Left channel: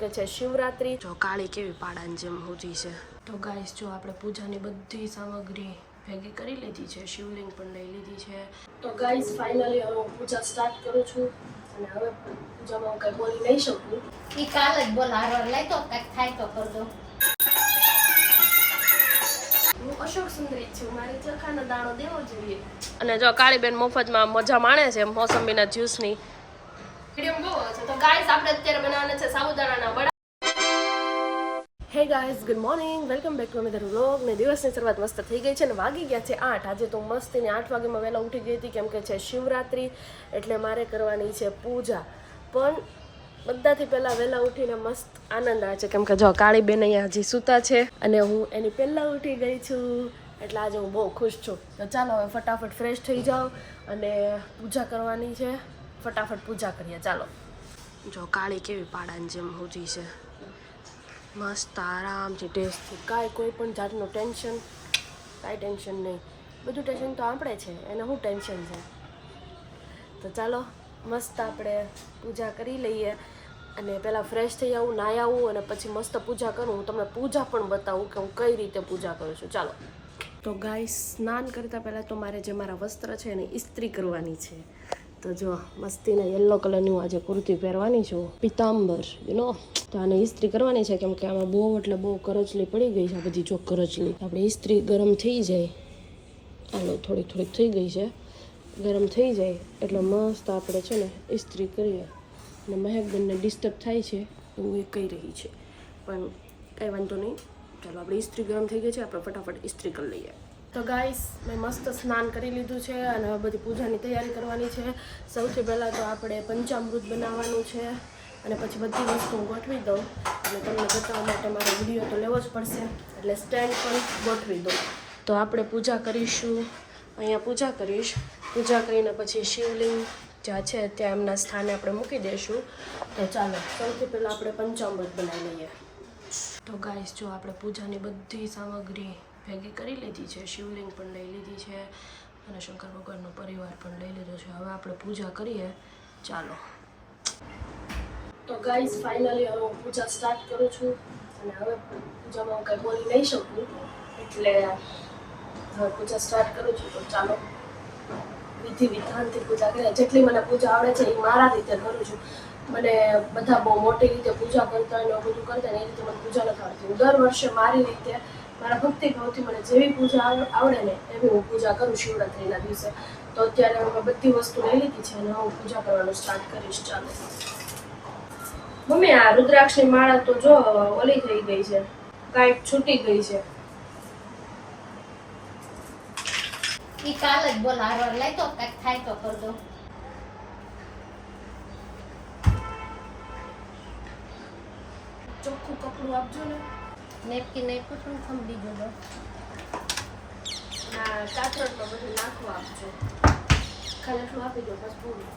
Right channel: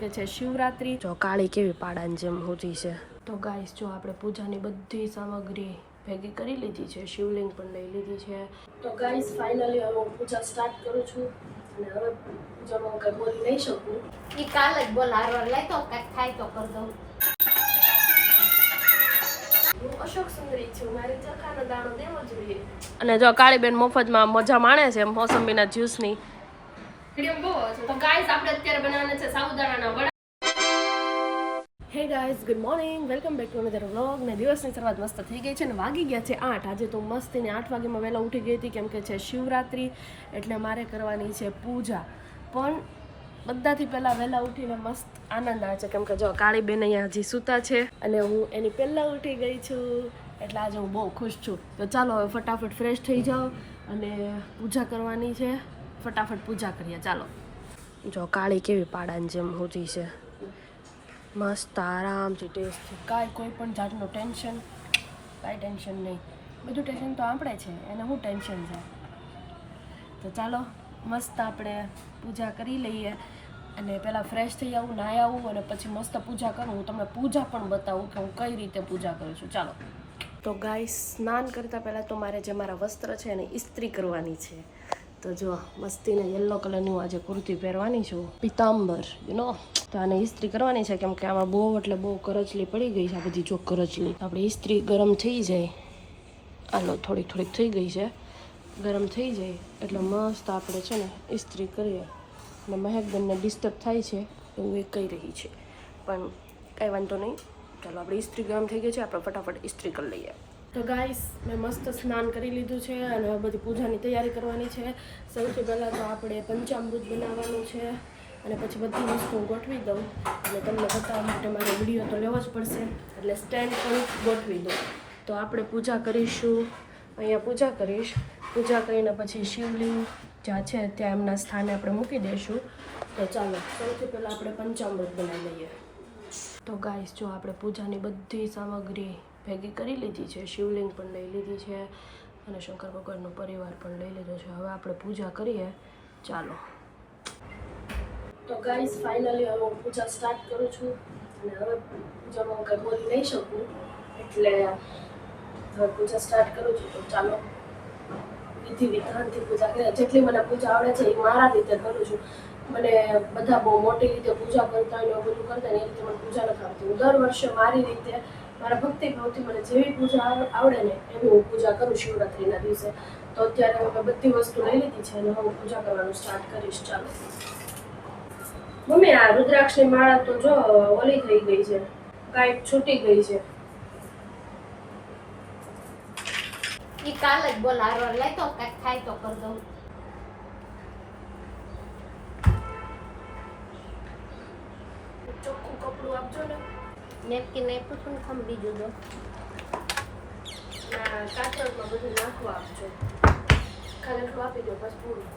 કે છે શિવરાત્રી. જો કાળી કેવી પાડાની જેમ હોતી છે. તો ગાઈસ જો આપણે પૂજાની બધી સામગ્રી ભેગી કરી લીધી છે, શિવલિંગ પણ લઈ લીધી છે. તો ગાઈસ ફાઇનલી હવે હું પૂજા સ્ટાર્ટ કરું છું અને હવે પૂજામાં હું કંઈ બોલી નહીં શકું. એ કાલ જ બોલારો લઈ તો કંઈક થાય તો કર દઉં. હું અશોક સુંદરી છું, મારી ચોખાનો દાણો દેવો જોઈએ. અને જો કાળીબેન મફતમાં મજા માણે છે મોસંબીના જ્યુસની. તો ગાઈસ આપણે અત્યારે બનાવવાના છે સાબુદાણાના વડા. Hey guys, good morning, welcome back to another vlog. ને દિવસની શરૂઆત મસ્ત થઈ ગઈ છે ને વાગી ગયા છે 8. આજે તો મસ્તીને 8 વાગ્યામાં વહેલા ઉઠી ગઈ હતી કેમ કે છે શિવરાત્રી, એટલે મારે કરવાની છે પૂજા. પણ બધાથી પહેલાં વહેલા ઉઠીને મસ્ત આનંદ આવે છે કેમ કે જો કાળીબેન અહીંયા હજી સૂતા છે અને હું એની પહેલાં ઉઠી ગઈ છું, એટલે આજે હું બહુ ખુશ છું. તો ચાલો હવે ફટાફટ ફ્રેશ થઈ જાઓ અને પૂજા કરવાની છે. ફટાફટ પૂજા કરીએ ચાલો. જો કાળી કેવી પાડાની જેમ હોતી છે, મસ્ત આરામથી ટેસ્ટથી, કાંઈ કોઈ પણ જાતનું ટેન્શન, કાંઈ ટેન્શન નહીં. બધું ટેન્શન તો આપણે છે, એને શું ટેન્શન છે. તો ચાલો મસ્ત આપણે પૂજા કરી લઈએ અને પહેલાં ફ્રેશ થઈ આવું, નાહી આવું અને પછી મસ્ત પૂજા કરું. હું તમને પૂજા પણ બતાવું કે હું કઈ રીતે પૂજા કરું છું. ચાલો. તો ગાઈસ સ્નાન કરતાં પહેલાં તો મારે જે મારા વસ્ત્ર છે એને ઇસ્ત્રી કરવાની છે. તો જો મસ્તીને યલો કલરની હું આજે કુર્તી પહેરવાની છું, પિતાંબર નો. તો આને ઇસ્ત્રી કરવાની છે કેમ કે આમાં બહુ એટલે બહુ કરચલી પડી ગઈ છે. આ બધી જો કરચલી આપણે ઇસ્ત્રી ગરમ થઈ જાય, આલો થોડીક થોડીક થઈ ગઈ છે, ગરમ થઈ જાય એટલે મસ્ત આપણે છે ને ઇસ્ત્રી કરીએ. અને મહેકબેનને ડિસ્ટર્બ થાય છે એવું એ કહી રહી છે, પણ કાંઈ વાંધો નહીં. ચાલો આપણે ઇસ્ત્રી ગરમ થઈ ગઈ છે, આપણે ફટાફટ ઇસ્ત્રી કરી લઈએ. તો ગાઈસ મેં મસ્ત સ્નાન કરી લીધું છે અને હવે બધી પૂજાની તૈયારી કરવાની છે. સૌથી પહેલાં તો આપણે પંચામૃત બનાવવાનું છે અને પછી બધી વસ્તુ ગોઠવી દઉં અને તમને બતાવવા માટે મારો વિડીયો તો લેવો જ પડશે, એટલે સ્ટેન્ડ પણ ગોઠવી દઉં. તો આપણે પૂજા કરીશું, અહીંયા પૂજા કરીશ. પૂજા કરીને પછી શિવલિંગ જ્યાં છે ત્યાં એમના સ્થાને આપણે મૂકી દઈશું. તો ચાલો સૌથી પહેલાં આપણે પંચામૃત બનાવી લઈએ. તો ગાઈસ જો આપણે પૂજાની બધી સામગ્રી ભેગી કરી લીધી છે, શિવલિંગ પણ લઈ લીધી છે અને શંકર ભગવાનનો પરિવાર પણ લઈ લીધો છે. હવે આપણે પૂજા કરીએ ચાલો. તો ગાઈસ ફાઇનલી હવે હું પૂજા સ્ટાર્ટ કરું છું અને હવે પૂજામાં હું કંઈ બોલી નહીં શકું, એટલે હવે પૂજા સ્ટાર્ટ કરું છું. તો ચાલો વિધિ વિધાનથી પૂજા કરીએ. જેટલી મને પૂજા આવડે છે એ મારા રીતે કરું છું. મને બધા બહુ મોટી રીતે પૂજા કરતા હોય ને બધું કરતા ને એ રીતે મને પૂજા નથી આવડતી. હું દર વર્ષે મારી રીતે, મારા ભક્તિ ભાવથી મને જેવી પૂજા આવડે ને એવી હું પૂજા કરું શિવરાત્રિના દિવસે. તો અત્યારે મેં બધી વસ્તુ લઈ લીધી છે અને હું પૂજા કરવાનું સ્ટાર્ટ કરીશ. ચાલો. મમ્મી આ રુદ્રાક્ષની માળા તો જો ઓલી થઈ ગઈ છે, કાંઈક છૂટી ગઈ છે. એ કાલ જ બોલારો લઈ તો કંઈક થાય તો કર દઉં. ચોખ્ખું કપડું આપજો ને. નેપકીન આપ્યું તો ખમ બીજું દો. કાચરોટમાં બધું નાખવા આપજો. ખાલી એટલું આપી દો બસ પૂરું.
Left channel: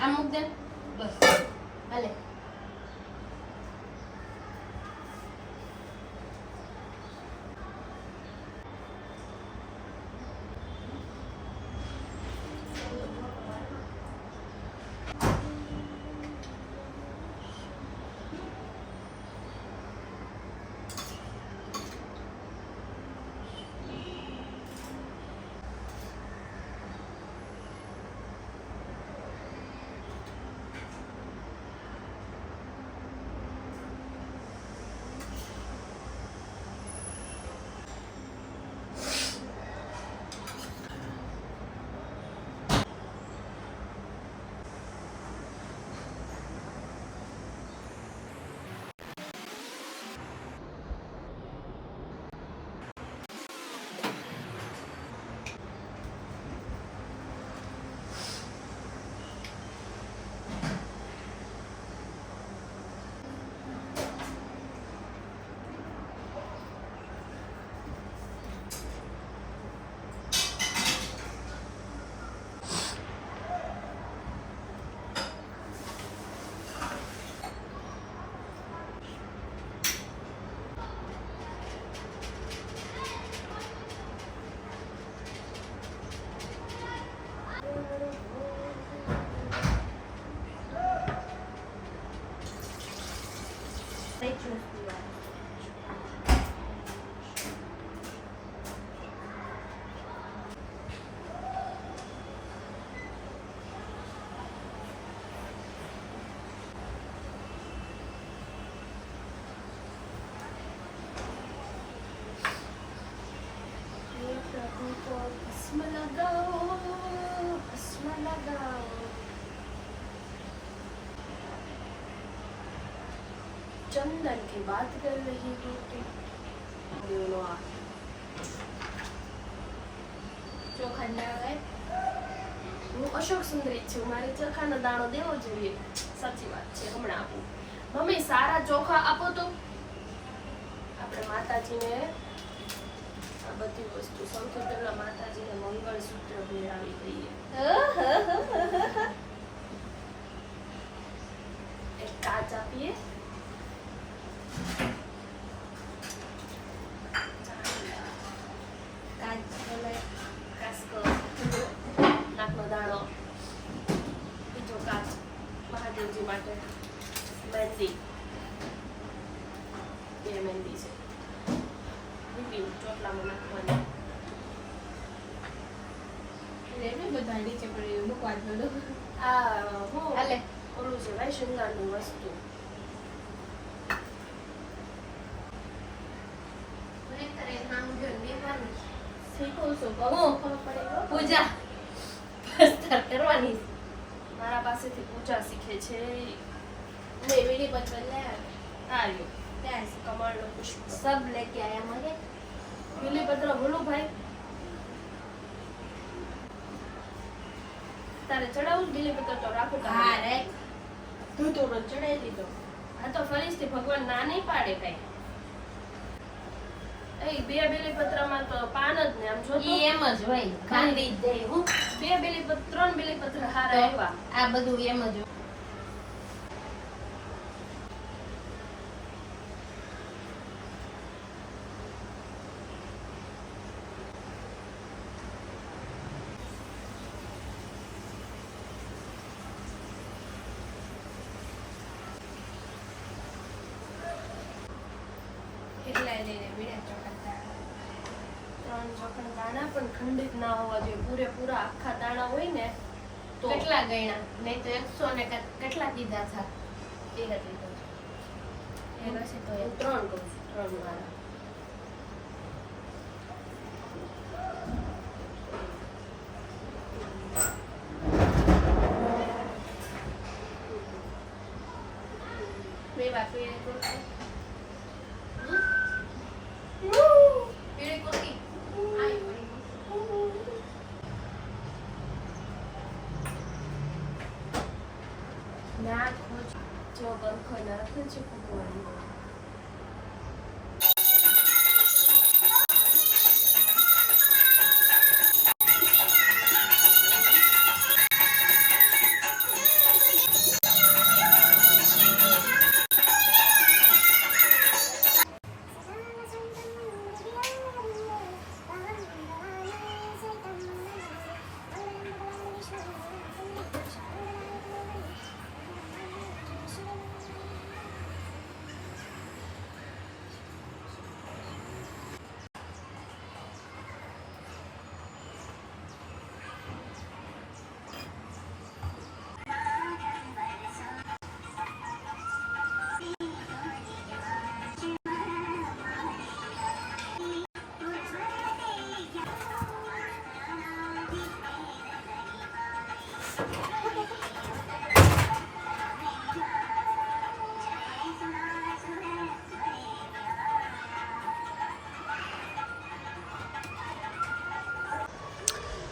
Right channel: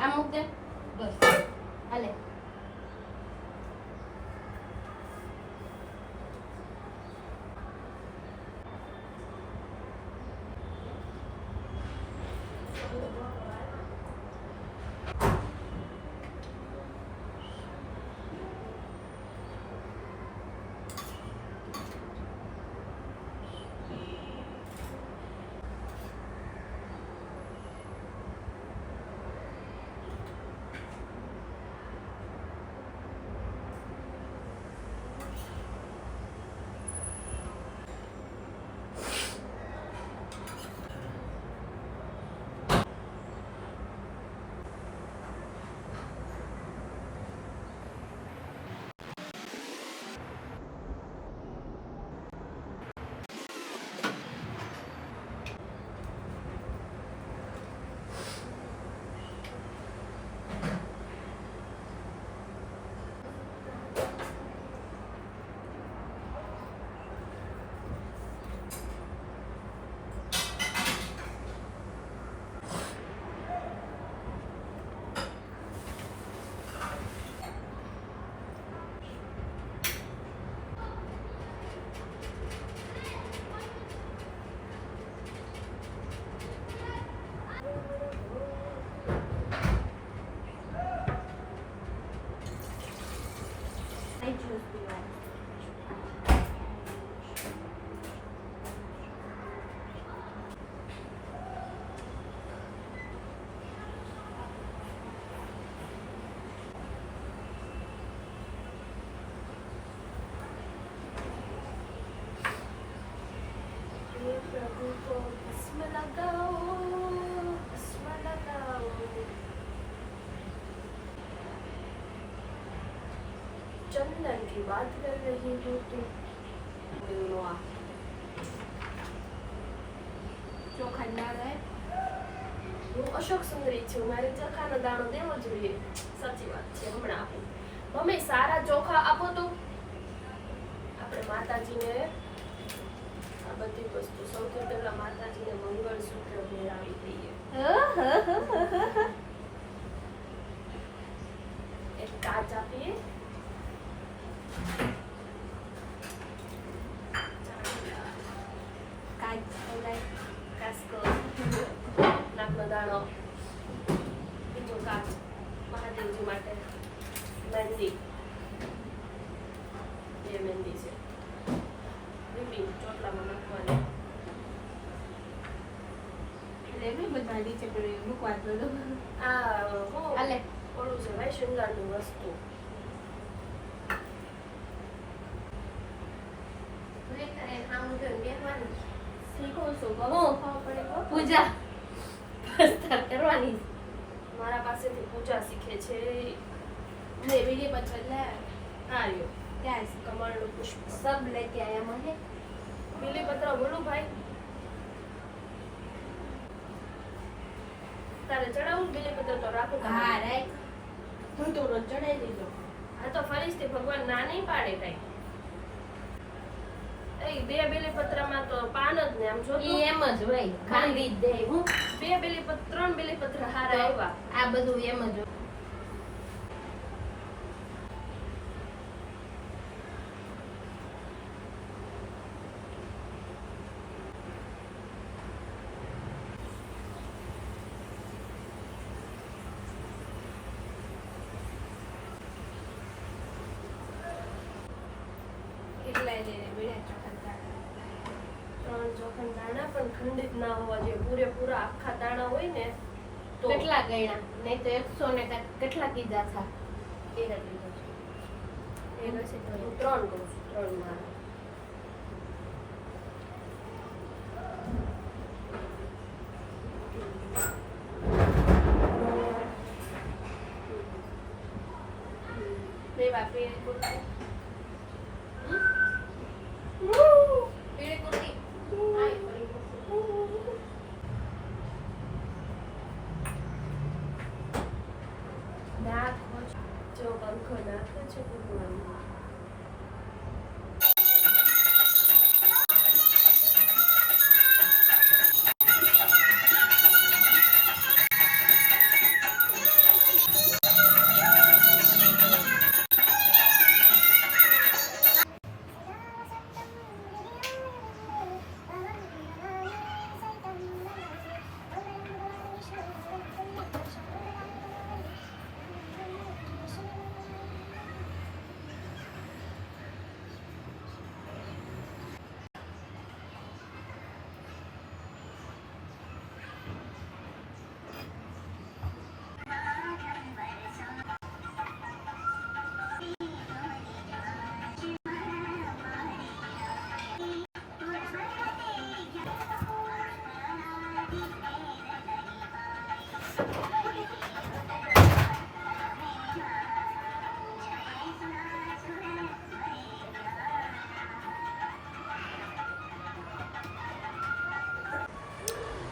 આ મૂક દે બસ હાલે. लगाओ चश्मा लगाओ चंदन की बात कर रही हूँ तुम ચોખા લાવે હું અશોક સુંદરી છું મારે ચોખાનો દાણો દેવો જોઈએ સાચી વાત છે હમણાં આપું મમ્મી સારા ચોખા આપો તો આપણે માતાજીને આ બધી વસ્તુ સૌથી પહેલા માતાજીને મંગળસૂત્ર પહેરાવી દઈએ એક કાચ આપીએ કાસ્કો નાકનો દાણો બીજો કાચ મહાદેવજી માટે મહેંદી બે મહેંદી છે બીબી ચોટલામાં નાખવાની એનું બધા નીચે પડી મૂકવા થોડું આ હું હાલે થોડું છે ભાઈ શૃંગારની વસ્તુ મેં તારે નામ જોઈને બેસવાની શીખું છું બહુ પડે પૂજા સ્ટાર્ટ કરવાની મારા પાસેથી પૂજા શીખે છે ને બીડી પત્ર લે આ લ્યો क्या કમળનું પુષ્પ सब लेके आया मगे બીલીપત્ર ભલું ભાઈ તારે ચડાવું બીલીપત્ર તો રાખું हाँ राइट તું તો મને ચડાવી દીધો આ તો ફરીથી ભગવાન ના નહીં પાડે કઈ એ બે બીલીપત્રમાં તો પાન જ ને આમ જો તો ઈ એમ જ હોય ખાંડી દે હું બે બીલીપત્ર ત્રણ બીલીપત્ર હારા આવ્યા આ બધું એમ જ કેટલાય લઈને બીડા ચોખા ત્રણ ચોખા દાણા પણ ખંડિત ના હોવા જોઈએ પૂરેપૂરા આખા દાણા હોય ને તો કેટલા ગણ્યા નહીં તો 100 ને કેટલા કીધા હતા એ નથી થતું. એ હશે તો હું ત્રણ કહું છું ત્રણ મારા બે બાપી એ કોલ પેલી કુર્તી આઈ પડી નાખો જો ગમખો નાખો છો ભગવાન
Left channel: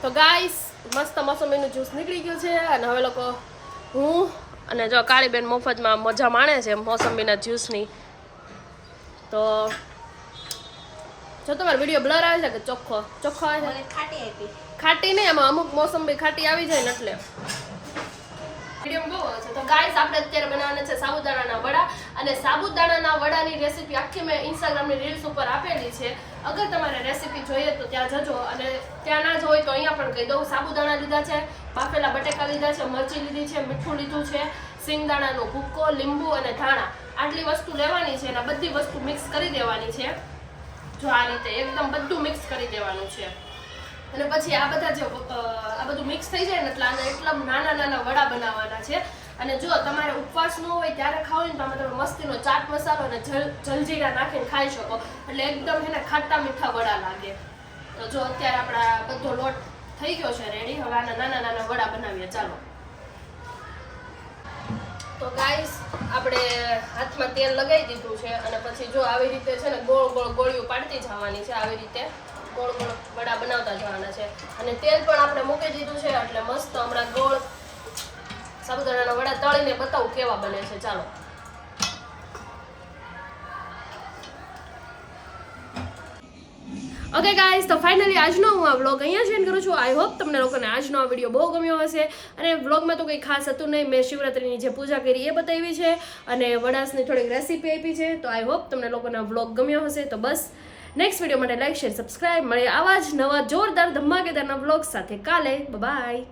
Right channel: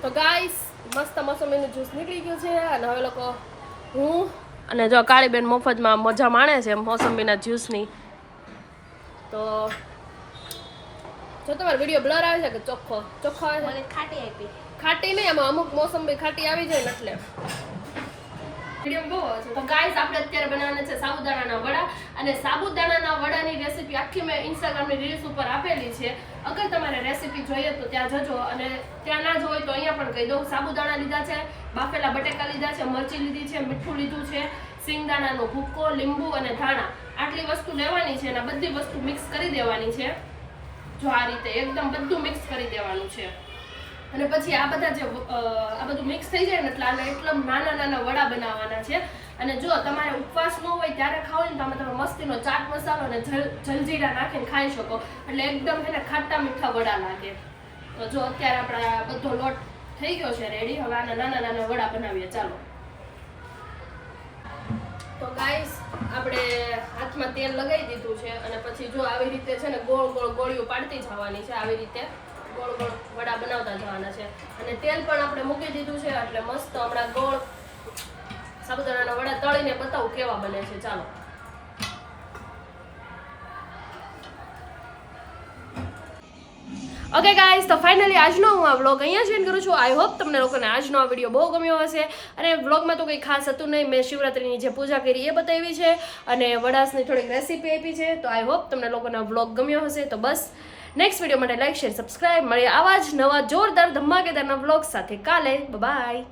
તો ગાઈસ મસ્ત મોસંબીનું જ્યુસ નીકળી ગયું છે અને હવે લોકો હું અને જો કાળીબેન મફતમાં મજા માણે છે મોસંબીના જ્યુસની તો જો તમારો વિડીયો બ્લર આવે છે કે ચોખ્ખો ચોખ્ખો આવે છે મને ખાટી આપી ખાટી નહીં એમાં અમુક મોસંબી ખાટી આવી જાય ને એટલે વિડીયો બહુ છે તો ગાઈસ આપણે અત્યારે બનાવવાના છે સાબુદાણાના વડા અને સાબુદાણાના વડાની રેસીપી આખી મેં ઇન્સ્ટાગ્રામની રીલ્સ ઉપર આપેલી છે અગર તમારે રેસીપી જોઈએ તો ત્યાં જજો અને ત્યાં ના જ હોય તો અહીંયા પણ કહી દઉં સાબુદાણા લીધા છે બાફેલા બટેકા લીધા છે મરચી લીધી છે મીઠું લીધું છે સિંગદાણાનો ભૂક્કો લીંબુ અને ધાણા આટલી વસ્તુ લેવાની છે અને બધી વસ્તુ મિક્સ કરી દેવાની છે જો આ રીતે એકદમ બધું મિક્સ કરી દેવાનું છે અને પછી આ બધા જે આ બધું મિક્સ થઈ જાય ને એટલે આને એકદમ નાના નાના વડા બનાવવાના છે અને જો તમારે ઉપવાસ ન હોય ત્યારે ખાવ ને તો આમાં તમે મસ્તીનો ચાટ મસાલો અને જલજીરા નાખીને ખાઈ શકો એટલે એકદમ એને ખાટા મીઠા વડા લાગે તો જો અત્યારે આપણા બધો લોટ થઈ ગયો છે રેડી. હવે આના નાના નાના વડા બનાવીએ, ચાલો. તો ગાઈસ આપણે હાથમાં તેલ લગાવી દીધું છે અને પછી જો આવી રીતે છે ને ગોળ ગોળ ગોળીઓ પાડતી જવાની છે. આવી રીતે ગોળ ગોળ વડા બનાવતા જવાના છે અને તેલ પણ આપણે મૂકી દીધું છે એટલે મસ્ત હમણાં ગોળ સાબુદાણાના વડા તળીને બતાવું કેવા બને છે, ચાલો. ઓકે ગાઈઝ, તો ફાઇનલી આજનો હું આ વ્લોગ અહીંયા જ એન્ડ કરું છું. આઈ હોપ તમને લોકોને આજનો આ વિડીયો બહુ ગમ્યો હશે. અને વ્લોગમાં તો કંઈ ખાસ હતું નહીં, મેં શિવરાત્રીની જે પૂજા કરી એ બતાવી છે અને વડાસની થોડીક રેસીપી આપી છે. તો આઈ હોપ તમને લોકોને વ્લોગ ગમ્યો હશે. તો બસ નેક્સ્ટ વિડીયો માટે લાઈક શેર સબસ્ક્રાઈબ. મળીએ આવા જ નવા જોરદાર ધમાકેદારના વ્લોગ સાથે કાલે. બાય.